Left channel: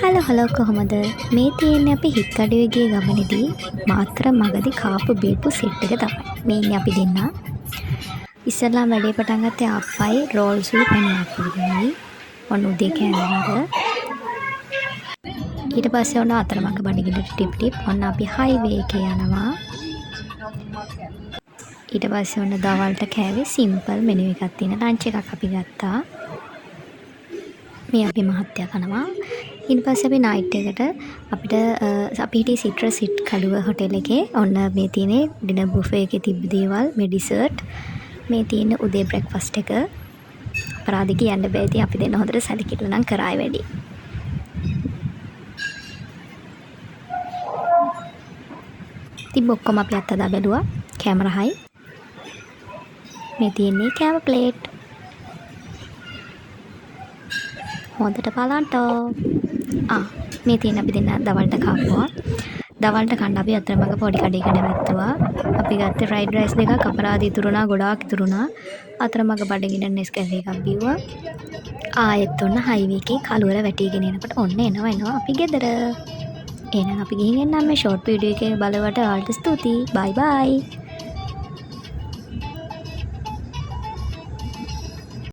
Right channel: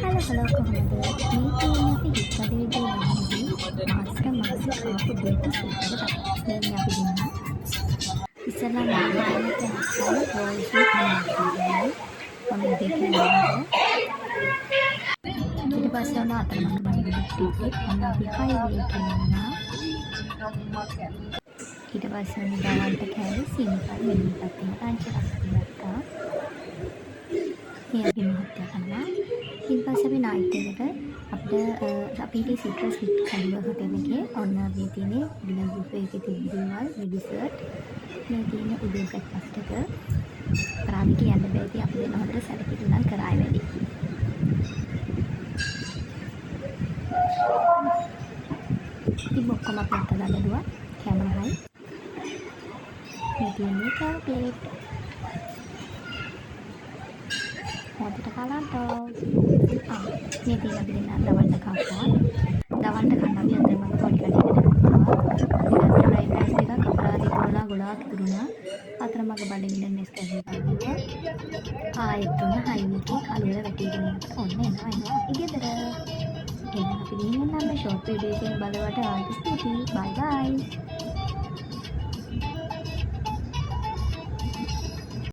Hello කොහොමද මේ තියෙන්නේ අපි හික්කඩුවේ ගිය ගමනේදී මාත්‍ර මගදී කාපු බීපු සෙට් එක තමයි මේ ඉන්නේ අපි දෙන්නා. ඉස්සෙල්ලා වැඩේ පටන් ගත්තේ අප්පයි රෝල්ස්ලු පැනනයි. ඔන්න උදේ කෑමකට. ඊට පස්සේ ඔන්න අතරමඟ බඩගින්න ටිප් ඔන්න අපි හයිවේ එකේ යනවා. ඊට පස්සේ ඔන්න දවල්ට කෑවේ සිම්පල් මෙනු එකක් තියෙන ලන්ච් එකක් අපි ගත්තා. මේ අපි මහත්තයා කනවා. ඊට පස්සේ අපි නයිට් එකට අපිට අපි හිටියේ සිට්‍රස් හිට් කඩුව හොටෙල් එකේ. ඔන්න මේ තියෙන්නේ ඩිනර් බුෆේ එකේ තිබ්බ දේවල්, මේ ඩිසර්ට්, මේ තියෙන උදේ බ්‍රෙක්ෆාස්ට් එක. අපරාධි කියන්න බෑ. ඉතින් අපි දෙන්න හොඳට සැලකිලි නම් කරායි වැඩි. ඉතින් ඔක්කොම අපි අත්දැක බැලුවා. කැමරා හයි. මේ තියෙන්නේ කැම ප්ලේට්. හොඳට බලන්න. මේ තියෙන අපි දෙන්න දවල්ට කාපුවා. දවල්ට කන්න අපි අතරමඟ පොඩි කඩේකට වැත්තුවා. අපි ගත්තේ ෆ්‍රයිඩ් රයිස් දෙකක්, අපරාධ ඉතුරුනා, ගොඩාක් ඉතුරුනා. අතරමඟ බඩගින්න නෙස්කැෆේ එකක් බිව්වා. ආයෙත් ඔන්න හයිවේ එකේ කළුවර වැටිගෙන එනකොට ඔන්න එනවා අපි ගෙදර. එහෙනම් අපි ගිහින් එන්නම්. මේ ෂෝට් වීඩියෝ එකේ බලවට ආල්ට ස්තුතියි. බයි බයි.